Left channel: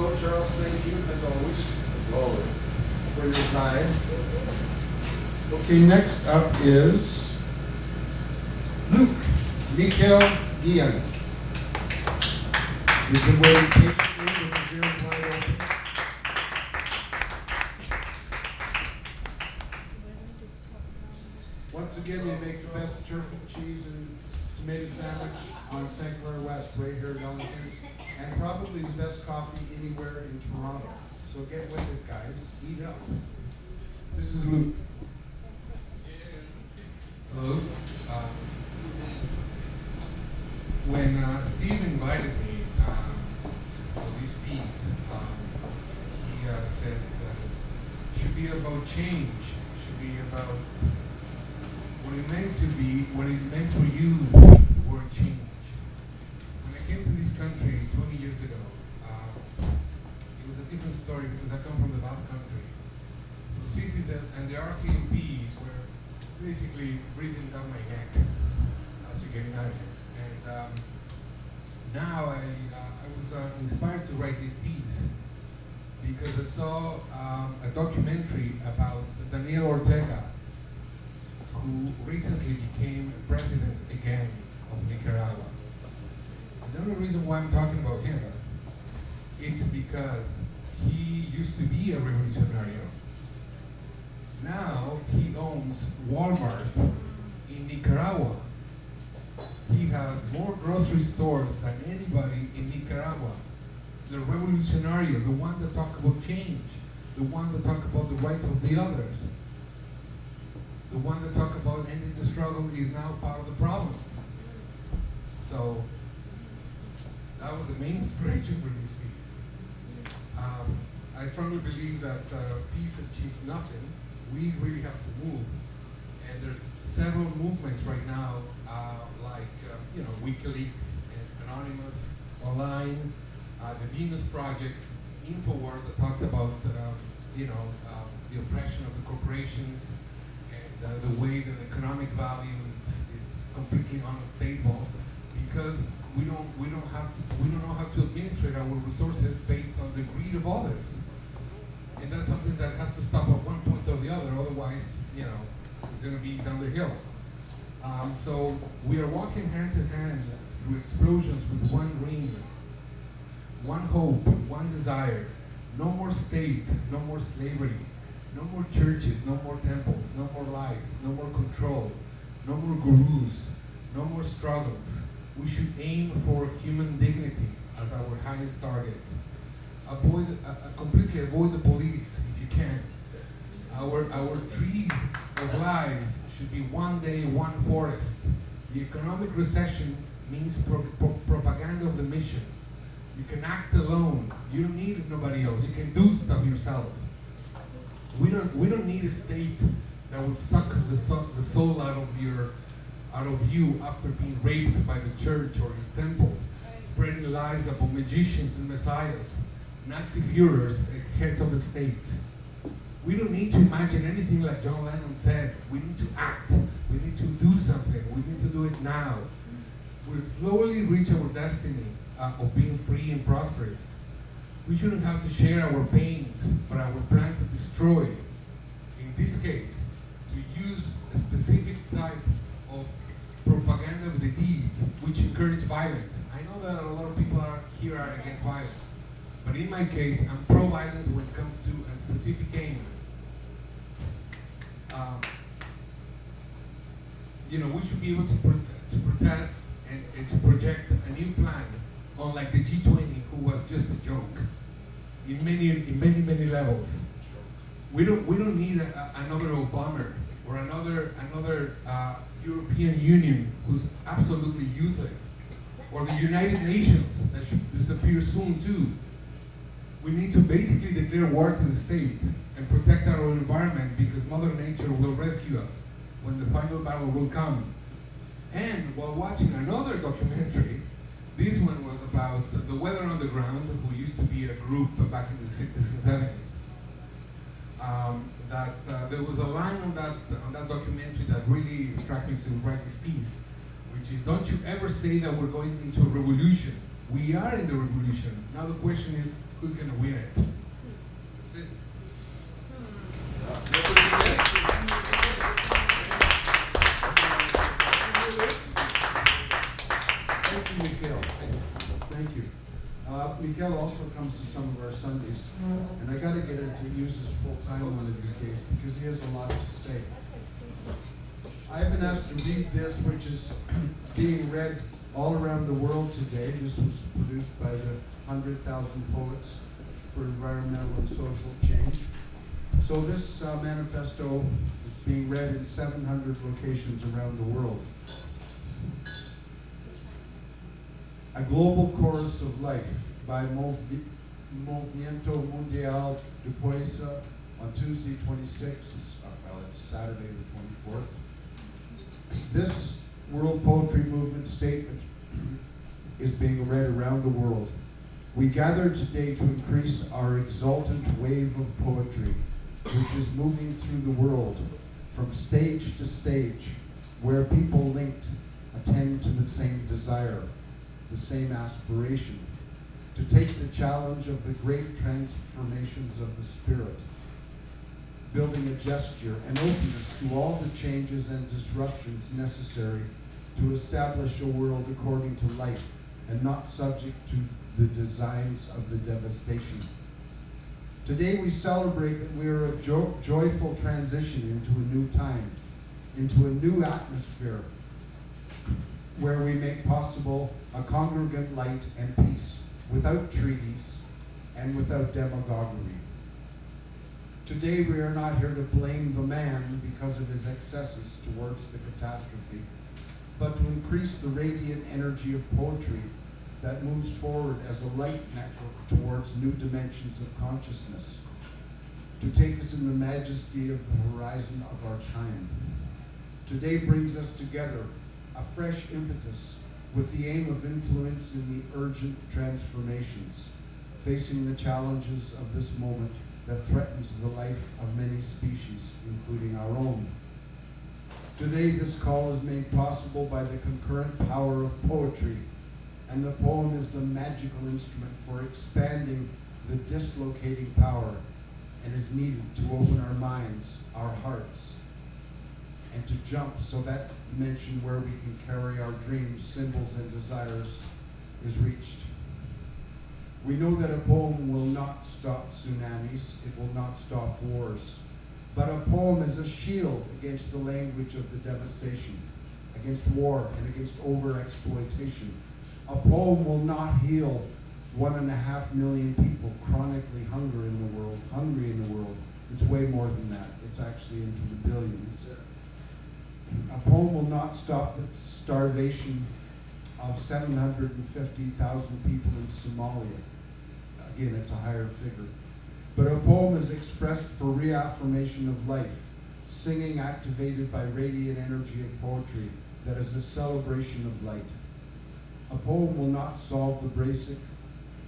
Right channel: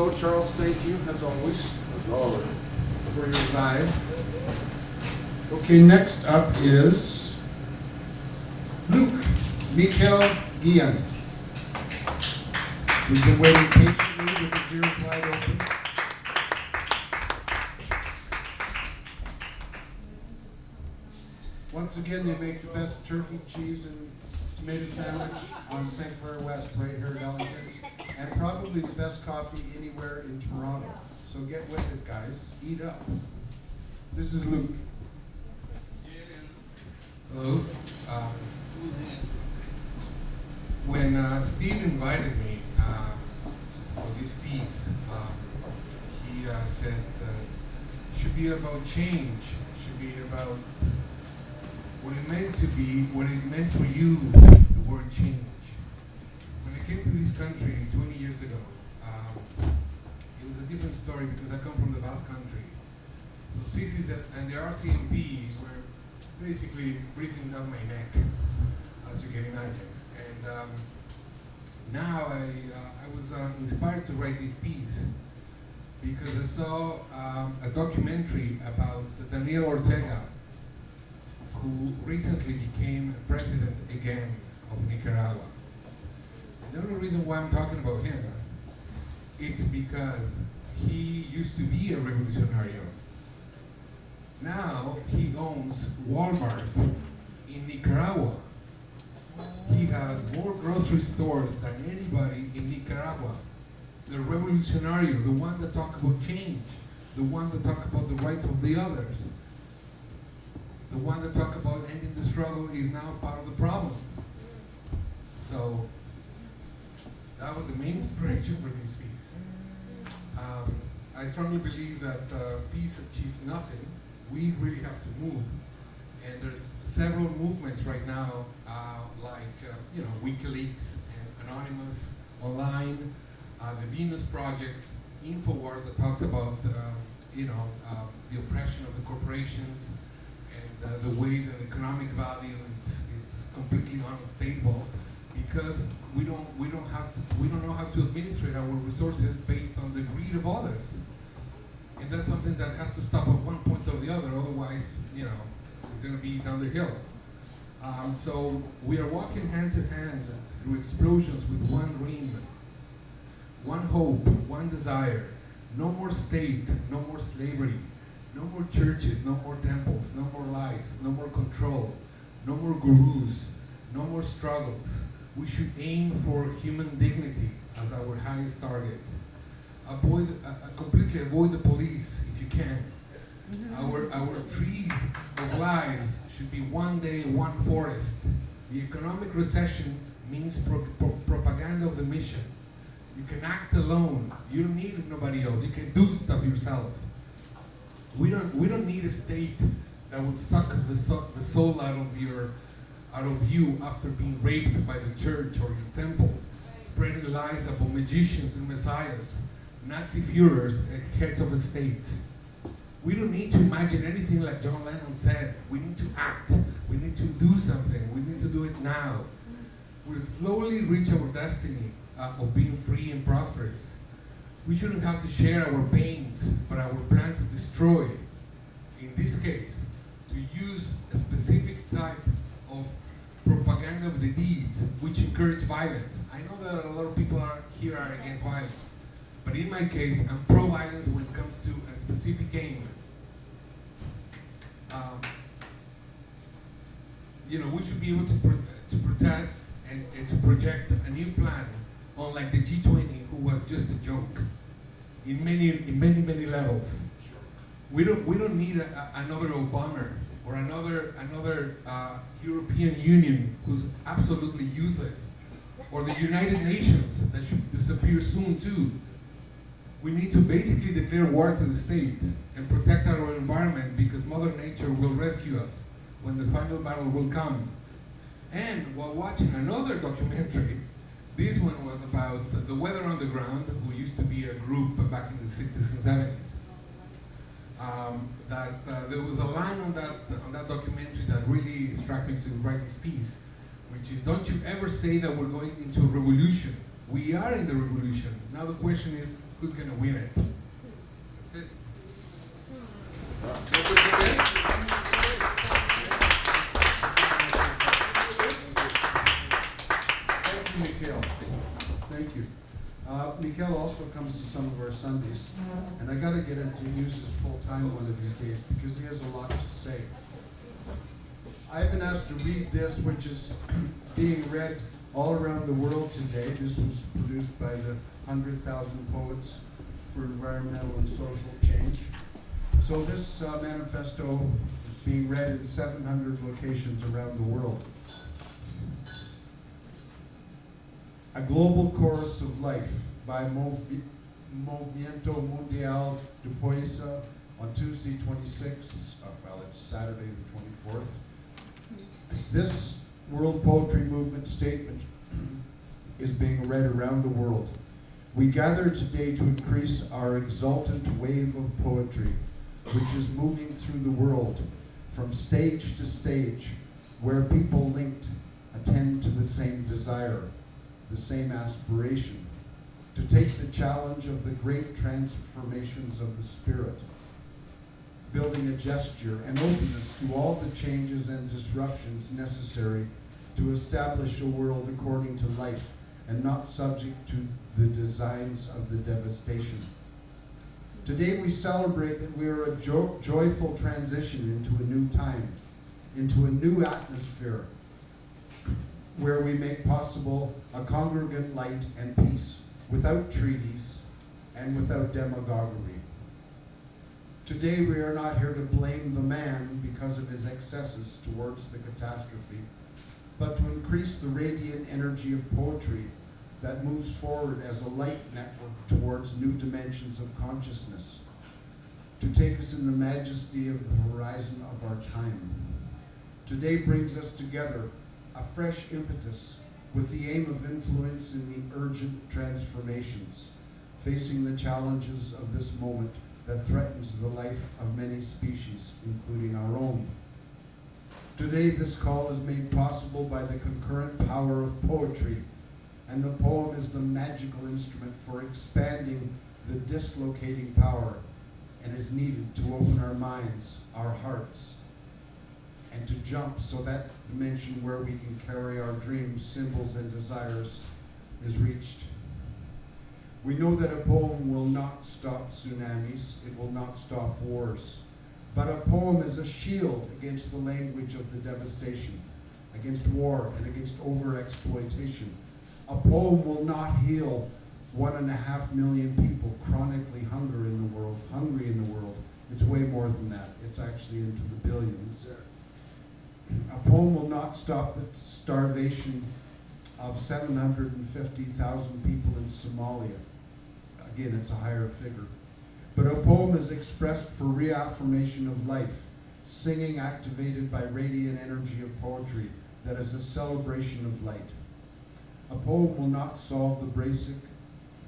so, Charles, thank you, as always, for your time. Okay, next up is Luke Mikhail Gian. We've been waiting patiently with his ears wide open. Once again, they make the best turkey, cheese, and tomato sandwich on St. Clair West, right here at Ellington's, and probably the best coffee anywhere in Toronto. So get with it, guys. Eat up. This is Luke. Hello. When Steve invited me for this piece, he said it should be about change. It should be about what it meant to be, what it meant for you, the word change. When I came to this country 20 years ago, it was a different story because I come from the Basque Country. So CCs and the RCMP were basically breathing down my neck, as you can imagine. And now I was inspired to write this piece because I saw a documentary about Daniel Ortega, who recently became president again of Nicaragua. And the only reason why I'm talking about him, it's because he used to be a revolutionario. Now he owns Walmart in Nicaragua. He has more grocery stores than anybody in Nicaragua. The revolutionario, the one that talk about change, the one that talk about the rights of the others, the one that talk about ending the struggle is now part of the problem. So that was the main inspiration for this piece. I strongly believe that peace achieves nothing. We really have to move. And there's several movements right now, like WikiLeaks and Anonymous Online, the Venus Projects, InfoWars that talks about the oppression of the corporations and the way that economic value it's completely unstable because we don't know how to administrate our resources based on the greed of others. And that's something that has to stop at one point or the other, otherwise, it's going to be down the hill. So we are walking hand to hand through explosions with one dream, one hope, one desire. No more state, no more slavery, no more churches, no more temples, no more lies, no more control, no more gurus, no more struggles. We should aim for human dignity as our highest target. Completely avoid the police if you can. Our trees of lives should be one day, one forest. The economic recession means propaganda of the mission. You can act alone. You don't need nobody else. You can do stuff yourself. We don't need a state that will suck the soul out of you after being raped by the church or your temple, spreading lies about magicians and messiahs, Nazi Führers and heads of the state. We don't need to imagine anything like John Lennon said. We need to act. We need to do something. We need to do it now. We'll slowly reach our destiny of being free and prosperous. We shouldn't have to share our pains, but our plan to destroy. In this case, to use a specific type of propaganda of the deeds which encourage violence. I know that a lot of people here are against violence, but in my case, I'm pro-violence when it comes to a specific aim. We should be able to protest and to project a new plan, unlike the G20, who was just a joke, in many levels. We don't need another Obama or another European Union who's absolutely useless, or the United Nations that should disappear soon too. We need to basically declare war to the state and protect our environment because Mother Nature will rescue us when the final battle will come. And while watching another documentary, this one was about the Weather Underground, who used to be a group back in the 60s and 70s. There was a line on that documentary that really struck me to write this piece, which is, don't you ever say that we're going into a revolution. We are in the revolution. Now the question is, who's going to win it? That's it. Thank you, Mikhail. Thank you. Mikhail also comes to some of our Sundays, and I got to get him to use his full time one of these days because he has a lot to say. I've been asked to read this, which is being read all around the world today. This was produced by the 100,000 Poets for Environmental and Social Change. So this manifesto is being read in 700 locations around the world. A Global Chorus of Life by Movimiento Mundial de Poesia on Tuesday 26th, it's Saturday the 24th. This World Poetry Movement statement is being read around the world. We gather today to increase our exultant wave of poetry, which is moving through the world from stage to stage, where people linked attend to the same desire, the same aspiration, to take the challenge of the great transformations of the spirit, building a gesture and openness to all the changes and disruptions necessary to establish a world according to life and not subject to the designs of the devastation. Today we celebrate that we are a joyful transition into a new time, into a new atmosphere, where we make possible a congregant light and peace without treaties and without demagoguery. Today we are not here to blame the man because of his excesses towards the catastrophe, but to increase the radiant energy of poetry that moves forward as a light network towards new dimensions of consciousness, to take us in the majesty of the horizon of our time. Today brings us together a fresh impetus with the aim of influence in the urgent transformations facing the challenges of this moment that threatens the life of many species, including our own. Today, this call is made possible by the concurrent power of poetry, and the poem is the magical instrument for expanding the dislocating power and is needed to open our minds, our hearts, and to jump so that dimension where we can carry our dreams, symbols, and desires is reached. We know that a poem will not stop tsunamis, it will not stop wars, but a poem is a shield against the language of the devastation, against war, and against overexploitation. A poem will not heal 1.5 million people chronically hungry in the world. It's way more than that. It's actually into the billions. A poem will not stop the starvation of 750,000 people in Somalia. Again, it's a higher figure. But a poem is expressed for reaffirmation of life, singing activated by radiant energy of poetry that is a celebration of light. A poem will not solve the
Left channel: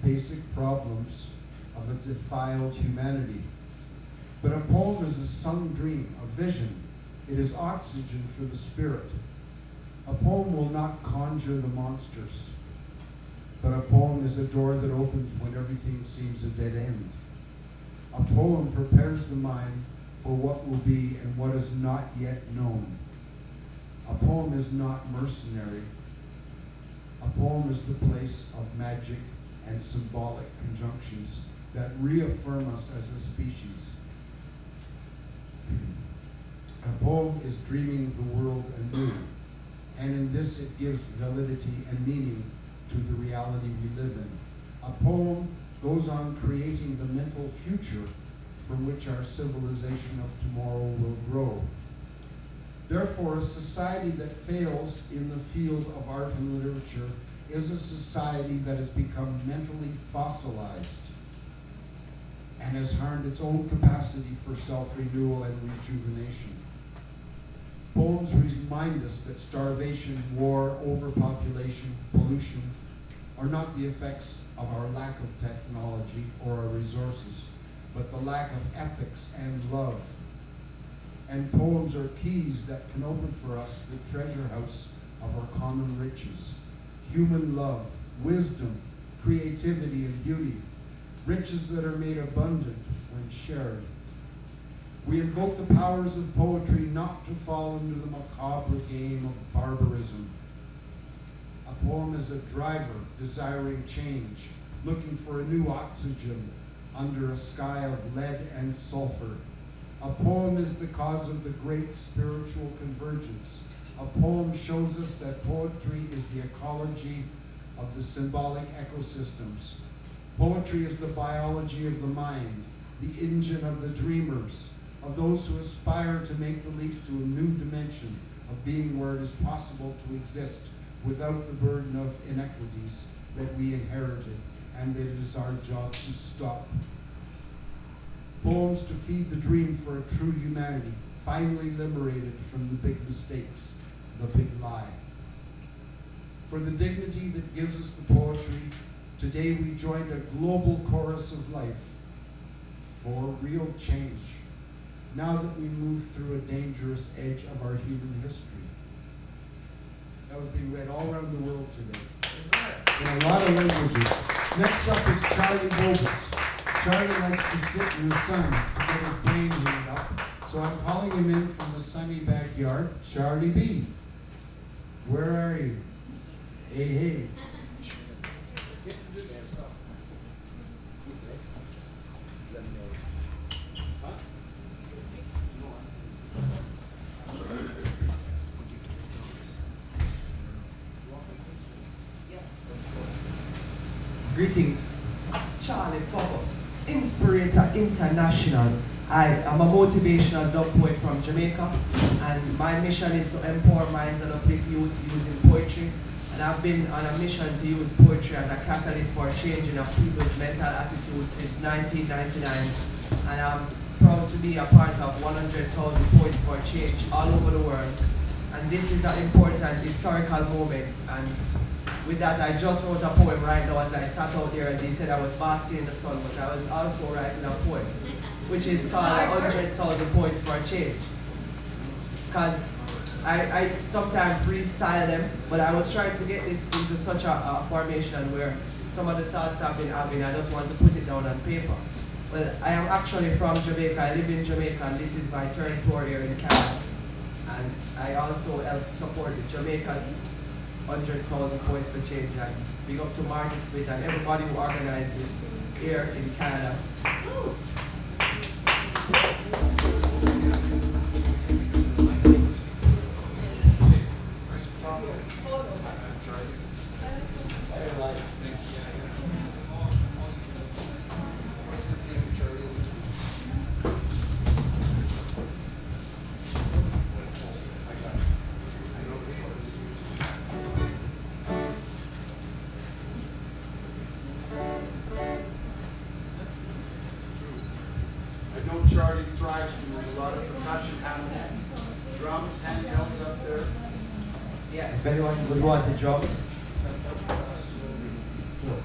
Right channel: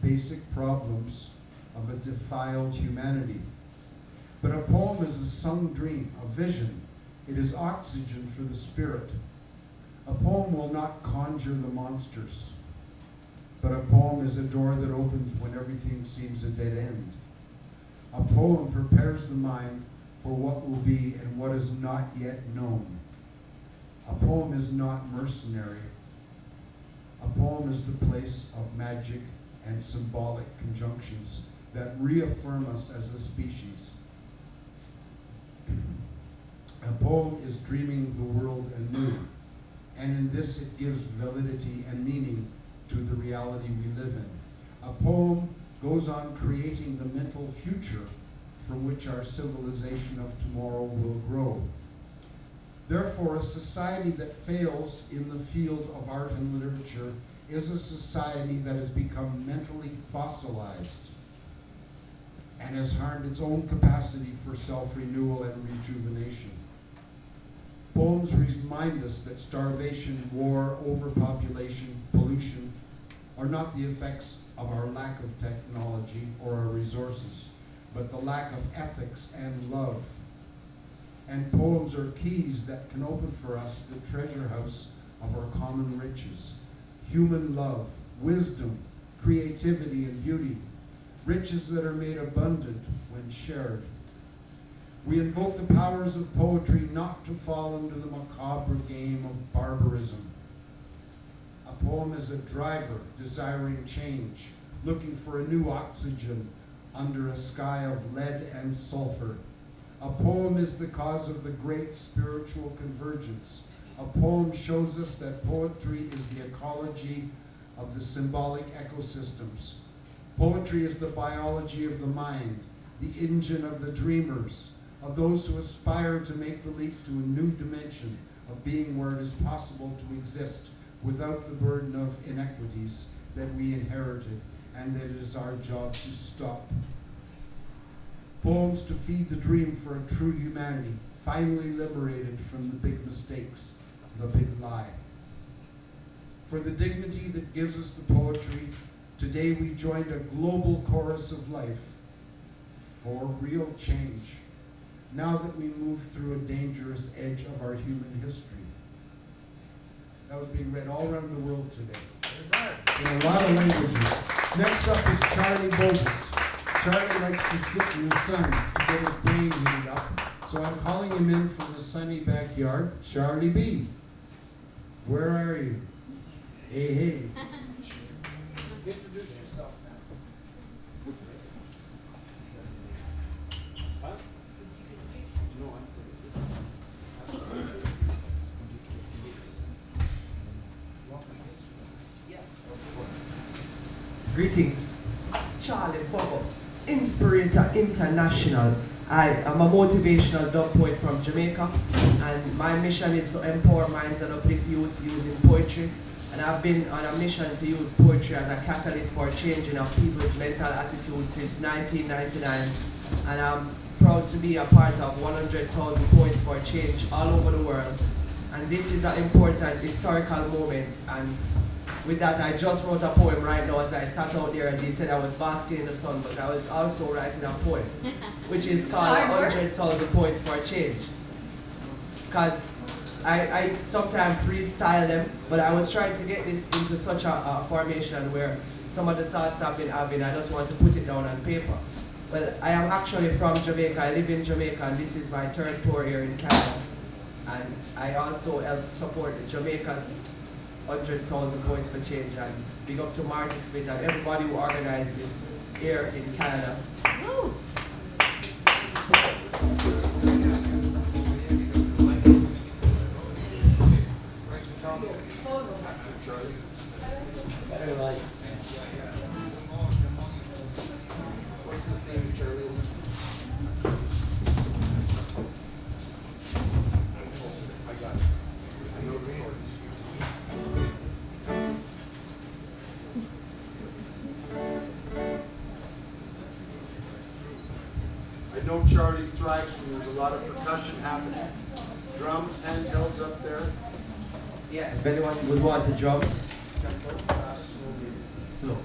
basic problems of a defiled humanity. But a poem is a sung dream, a vision. It is oxygen for the spirit. A poem will not conjure the monsters, but a poem is a door that opens when everything seems a dead end. A poem prepares the mind for what will be and what is not yet known. A poem is not mercenary. A poem is the place of magic and symbolic conjunctions that reaffirm us as a species. A poem is dreaming the world anew, and in this it gives validity and meaning to the reality we live in. A poem goes on creating the mental future from which our civilization of tomorrow will grow. Therefore, a society that fails in the field of art and literature is a society that has become mentally fossilized and has harmed its own capacity for self-renewal and rejuvenation. Poems remind us that starvation, war, overpopulation, pollution are not the effects of our lack of technology or our resources, but the lack of ethics and love. And poems are keys that can open for us the treasure house of our common riches: human love, wisdom, creativity, and beauty, riches that are made abundant when shared. We invoke the powers of poetry not to fall into the macabre game of barbarism. A poem is a driver desiring change, looking for a new oxygen under a sky of lead and sulfur. A poem is the cause of the great spiritual convergence. A poem shows us that poetry is the ecology of the symbolic ecosystems. Poetry is the biology of the mind, the engine of the dreamers, of those who aspire to make the leap to a new dimension of being where it is possible to exist without the burden of inequities that we inherited and that it is our job to stop. Poems to feed the dream for a true humanity, finally liberated from the big mistakes, the big lie. For the dignity that gives us the poetry, today we joined a global chorus of life for real change, now that we move through a dangerous edge of our human history. That was being read all around the world today, in a lot of languages. Next up is Charlie Bobus. Charlie likes to sit in the sun to get his brain heated up, so I'm calling him in from the sunny backyard. Charlie B, where are you? Hey, hey. Introduce yourself. Greetings, Charlie Bobos, Inspirator International. I am a motivational dub poet from Jamaica, and my mission is to empower minds and uplift youths using poetry. And I've been on a mission to use poetry as a catalyst for changing of people's mental attitude since 1999. And I'm proud to be a part of 100,000 Poets for Change all over the world. And this is an important historical moment. And with that, I just wrote a poem right now as I sat out there. As he said, I was basking in the sun, but I was also writing a poem, which is called 100,000 Poets for Change. Because I sometimes freestyle them, but I was trying to get this into such a formation where some of the thoughts I've been having, I just want to put it down on paper. Well, I am actually from Jamaica. I live in Jamaica, and this is my third tour here in Canada. And I also help support the Jamaican 100,000 Poets for Change, and big up to Marty Smith and everybody who organized this here in Canada. Woo. What's the theme, Charlie? I got it. I know the words. I know Charlie thrives when there's a lot of percussion happening. Drums, handhelds up there. Yeah, if anyone would want to jump, slow.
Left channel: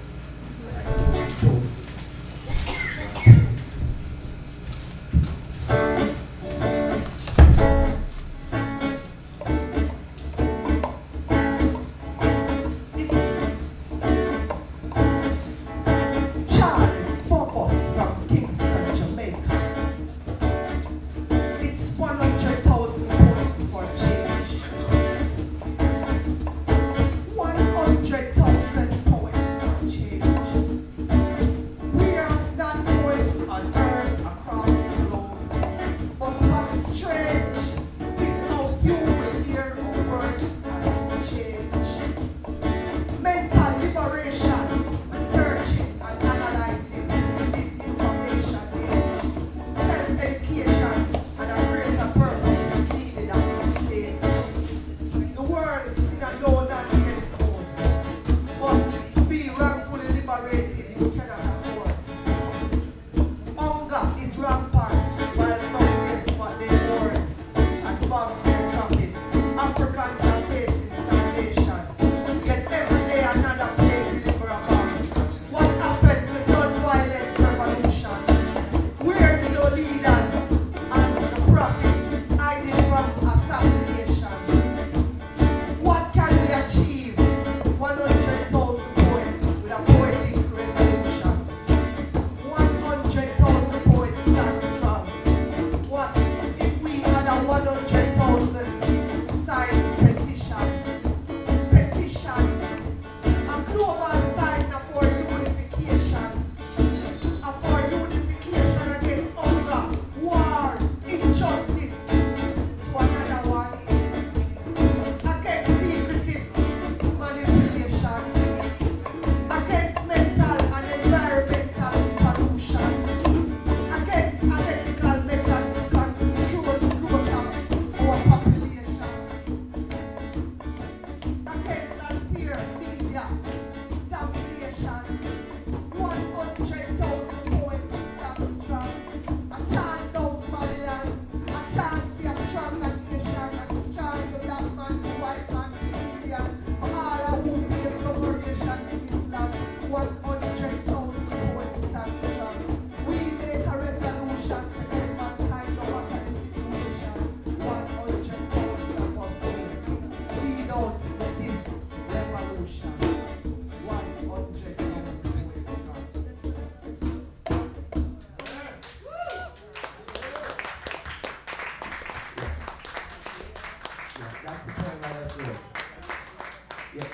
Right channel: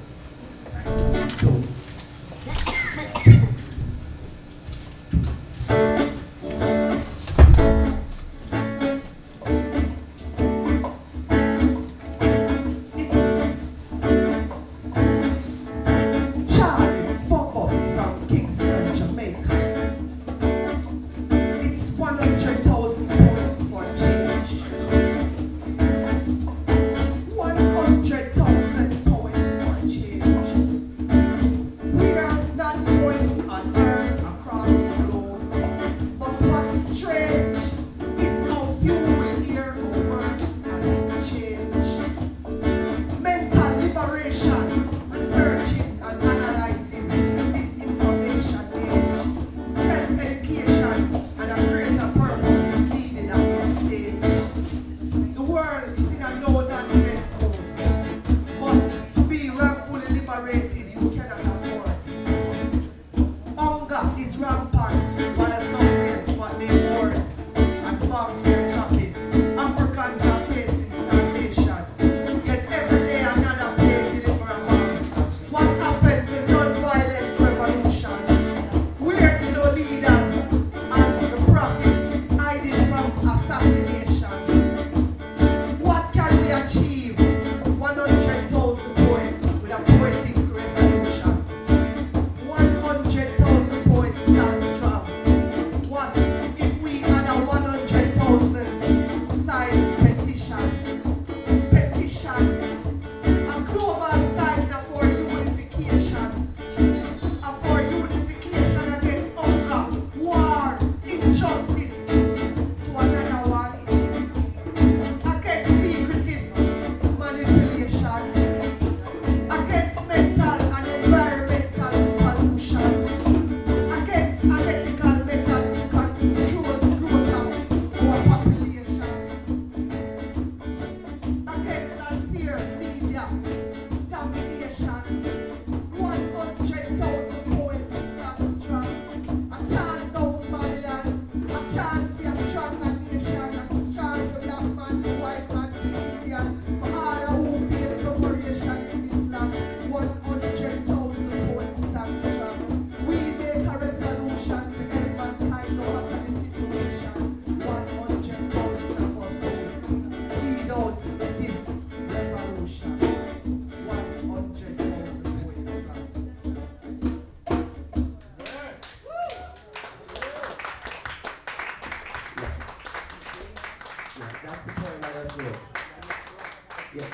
It's Charlie Bobos from Kingston, Jamaica. It's 100,000 points for change. 100,000 points for change.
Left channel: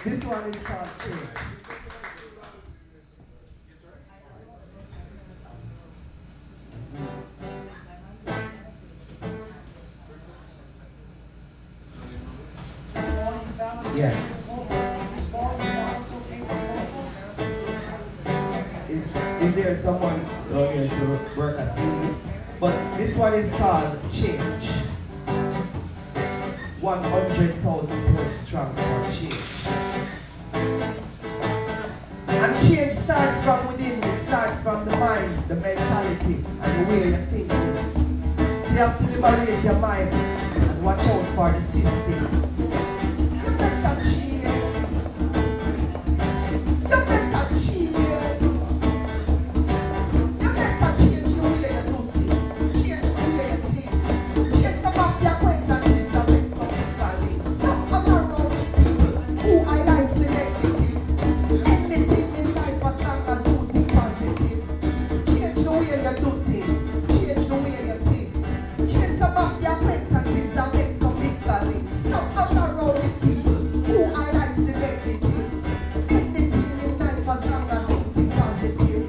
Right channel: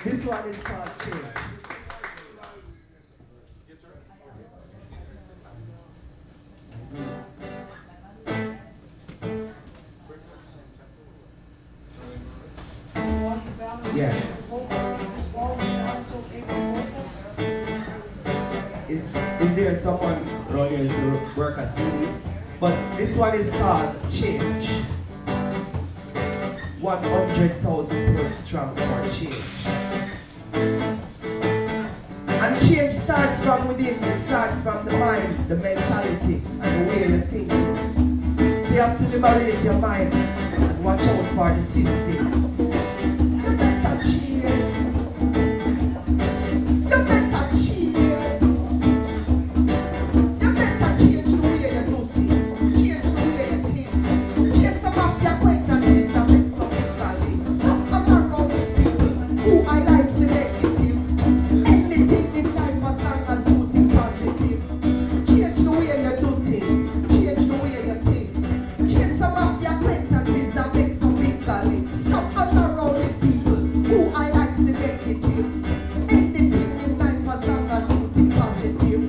This one is called Change. Yeah. Is there someone around here to work a CD? But this one is called Change. 100,000 points strong for change. And change starts from within. It starts from the mind, the mentality, and the way you're thinking. So you have to liberate your mind and watch out for the system. You better change. You better change. You better change the way you do things. Change the way you think. Change some of your acquaintances and make some bigger links. Stop hanging around with people who highlights the negative. Anything in life as long as you think positive. Change the way you do things. Change the way you think. Change some of your acquaintances and make some bigger links. Stop hanging around with people who highlights the negative. Anything in life as long as you think positive.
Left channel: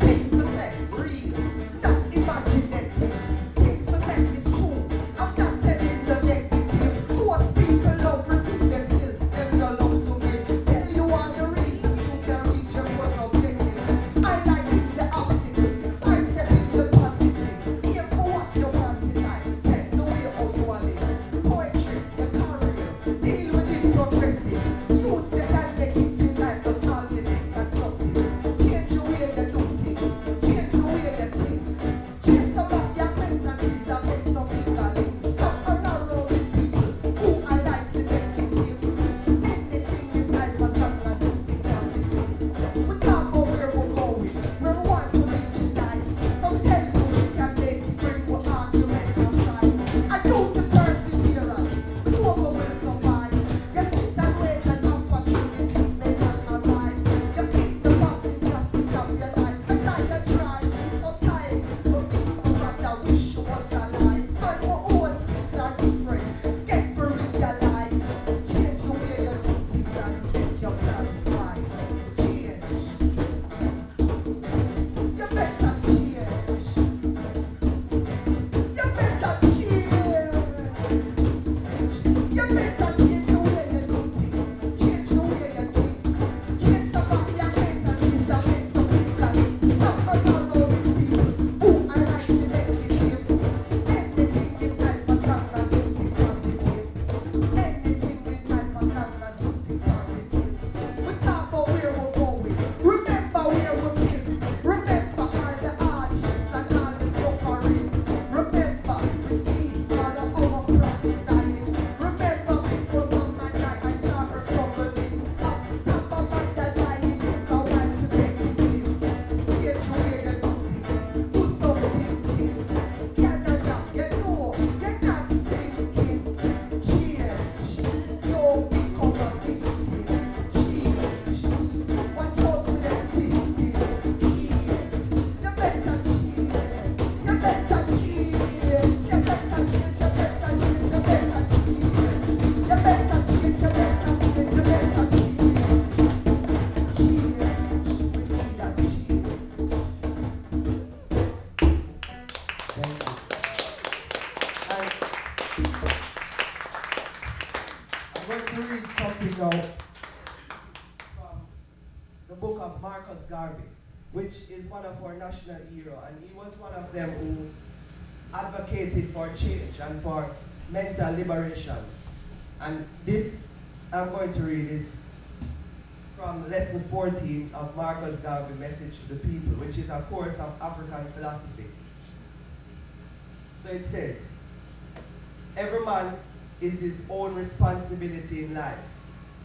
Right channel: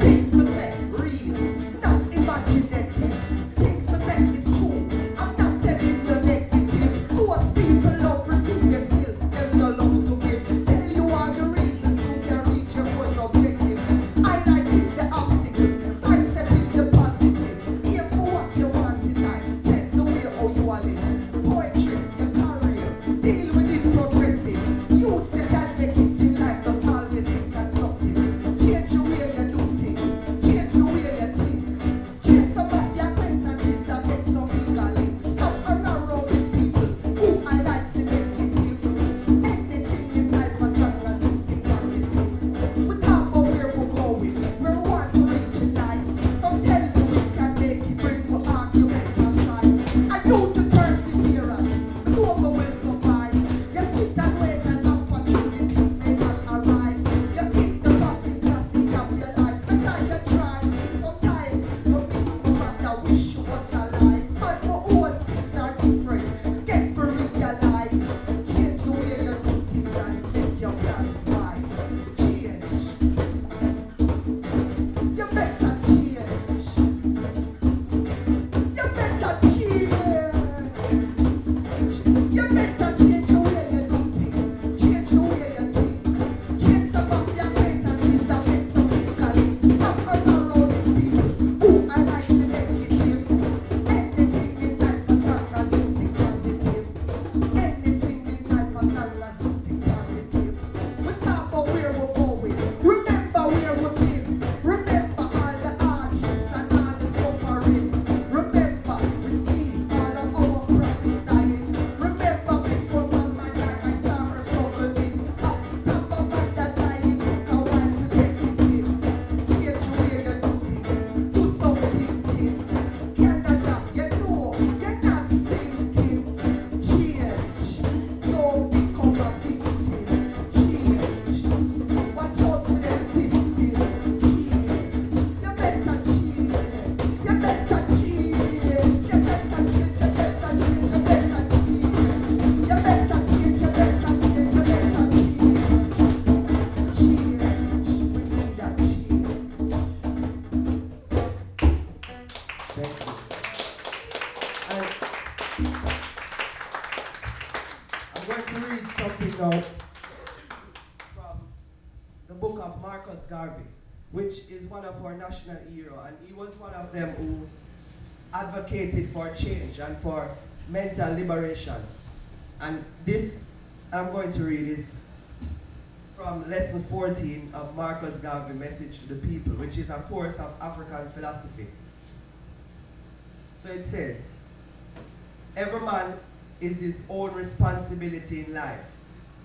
Things we say real, not imaginative. Things we say is true. I'm not telling you negative. Most people love receiving still. Them no love to give. Tell you all the reasons you can reach your goals objectives. Highlighting the obstacle, sidestepping the positive. Aim for what you want in life. Check the way how you are live. Poetry, your career. Deal with it progressive. Youths you can make it in life. Just always think constructive. Change the way you do things. Change the way you think. Change some of your acquaintances and make some bigger links. Stop hanging around with people who highlights the negative. Anything in life as long as you think positive. We talk about where we're going, where we want to reach in life. Some tell you we can make it when we argument and strive. I do the perseverance, no one will survive. You sit and wait and opportunity may not arrive. You in the passenger seat of your life, but I can try. Sometimes you miss what I wish you was alive. And my own things are different. Get to realize. Change the way you do things and make your plans wise. Change. You better change. You better change. You better change the way you do things. Change the way you think. Change some of your acquaintances and make some bigger links. Stop hanging around with people who highlight the negative. Anything in life as long as you think positive. Anything in life as long as you think positive. We talk about where we're going. Remember where we've been. Remember all the hardships and all the suffering. Remember we see all of our prophets dying. Remember before Mama died, I saw her struggling. After Mama died, dying, took a while to take it in. Change the way you do things. Do some thinking. Canada, you know, you're not thinking. Change. Don't become a victim. Change. Watch out for the system. Change. You better change. You better change. You better change. You better change. You better change. You better change. You better change. You better change. Change. We need a change. Thank you. I'm going to read something now from the book of Marcus Garvey, which is one of our national hero, and he was one of them who advocated for change and for mental liberation. And this I'm going to read is from lesson 14 of Marcus Garvey, Message to the People, which is a course of African philosophy. So it says, every man is his own responsibility in life.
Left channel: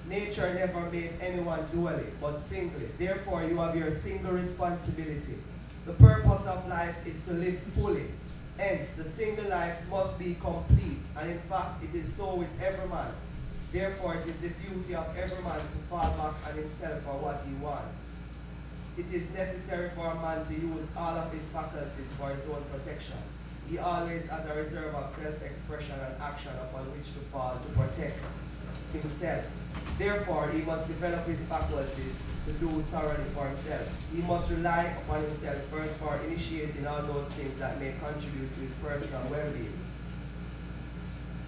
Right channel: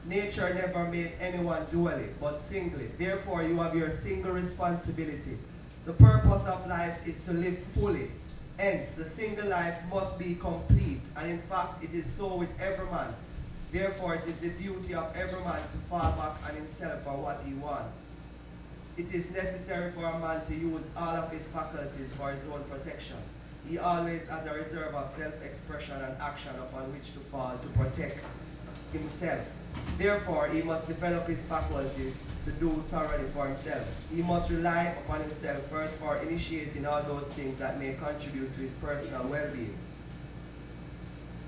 Nature never made anyone dually, but singly. Therefore, you have your single responsibility. The purpose of life is to live fully. Hence, the single life must be complete, and in fact, it is so with every man. Therefore, it is the duty of every man to fall back on himself for what he wants. It is necessary for a man to use all of his faculties for his own protection. He always has a reserve of self-expression and action upon which to fall to protect himself Therefore, he must develop his faculties to do thoroughly for himself. He must rely upon himself first for initiating all those things that may contribute to his personal well-being.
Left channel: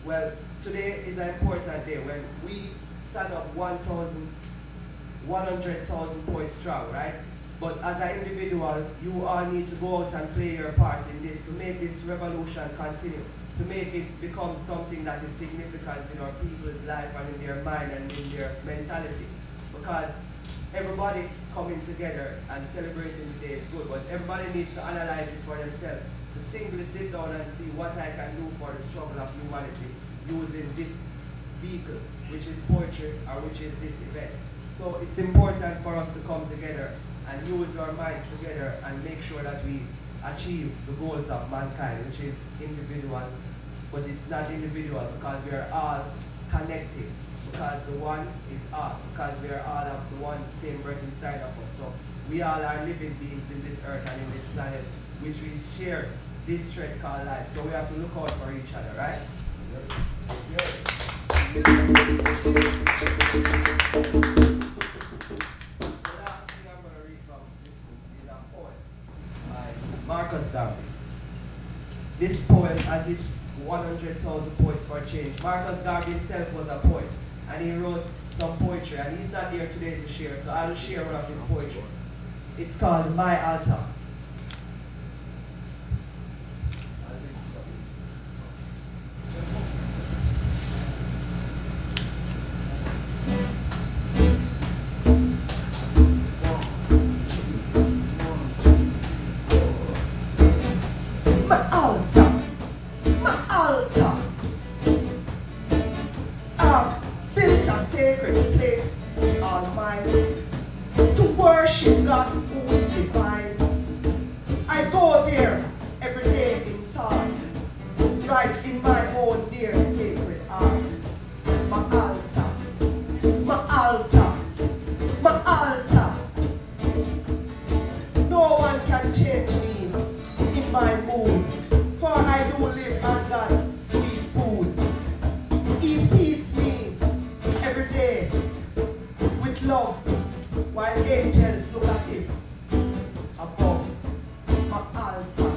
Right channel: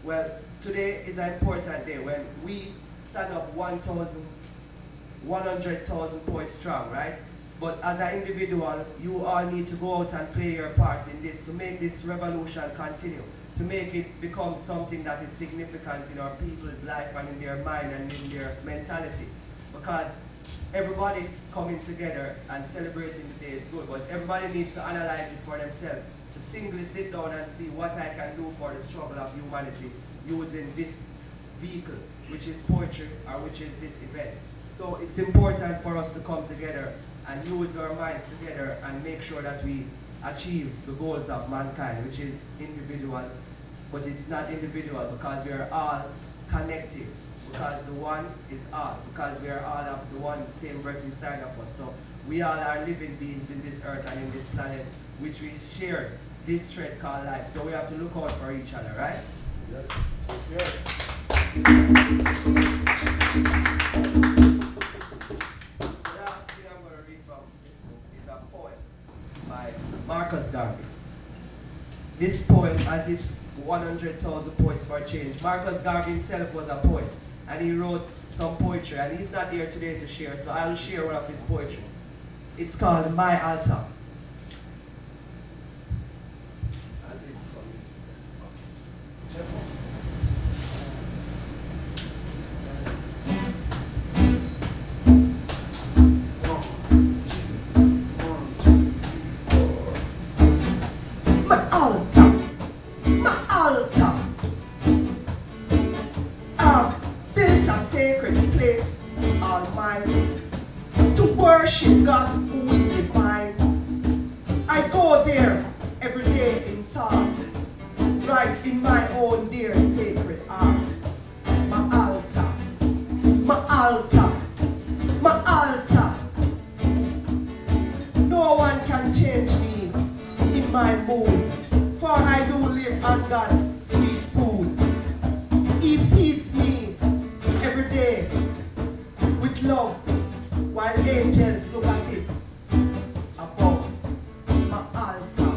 Well, today is an important day when we stand up 100,000 points strong, right? But as an individual, you all need to go out and play your part in this to make this revolution continue, to make it become something that is significant in our people's life and in their mind and in their mentality. Because everybody coming together and celebrating the day is good, but everybody needs to analyze it for themselves, to singly sit down and see what I can do for the struggle of humanity using this vehicle, which is poetry or which is this event. So it's important for us to come together and use our minds together and make sure that we achieve the goals of mankind, which is individual, but it's not individual because we are all connected, because the one is all, because we are all of the one same breath inside of us. So we all are living beings in this earth and in this planet, which we share this thread called life. So we have to look out for each other, right? Yeah. Marcus Garvey. This poem has its 100,000 poets for change. Marcus Garvey himself was a poet, and he wrote some poetry, and he's not here today to share, so I will share one of his poetry. It's called My Altar. God who is divine. I go there every day in thought, right in my own dear sacred art. My altar, my altar, my altar. No one can change me in my mood, for I do live on God's sweet food. He feeds me every day with love, while angels look at it above. My altar,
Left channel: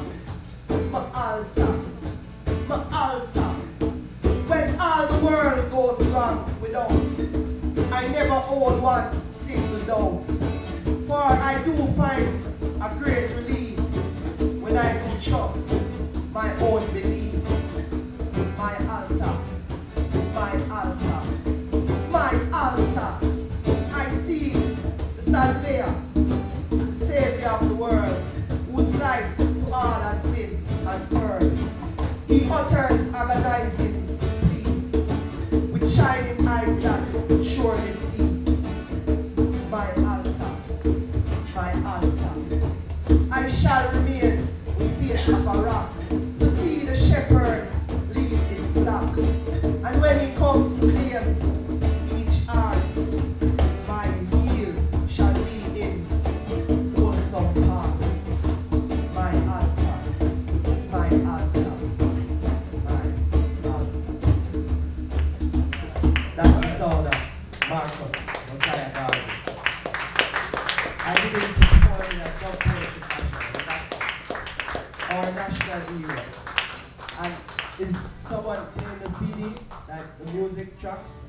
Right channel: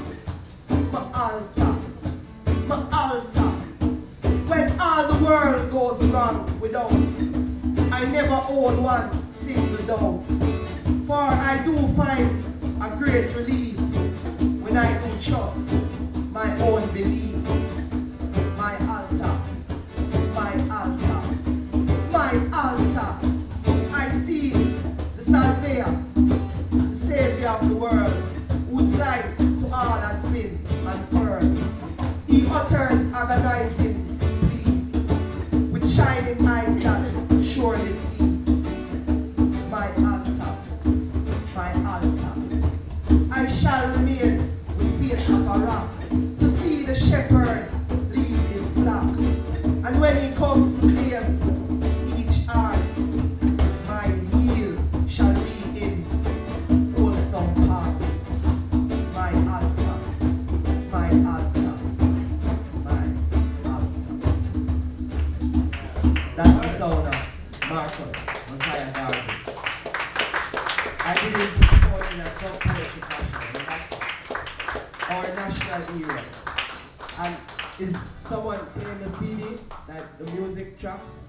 my altar, my altar. When all the world goes wrong without, I never hold one single doubt. For I do find a great relief when I do trust my own belief. My altar, my altar, my altar. I see the Salvia, the Savior of the world, whose light to all has been unfurled. He utters agonizing plea, with shining eyes that surely see. My altar, my altar. I shall remain with faith of a rock, to see the shepherd lead his flock. And when he comes to claim each heart, my heel shall be in wholesome part. My altar, my altar, my altar. That's the sound of Marcus Mosiah Garvey. I did his poem in a club poetry fashion, and that's our national hero. And is someone playing the CD, like the music tracks?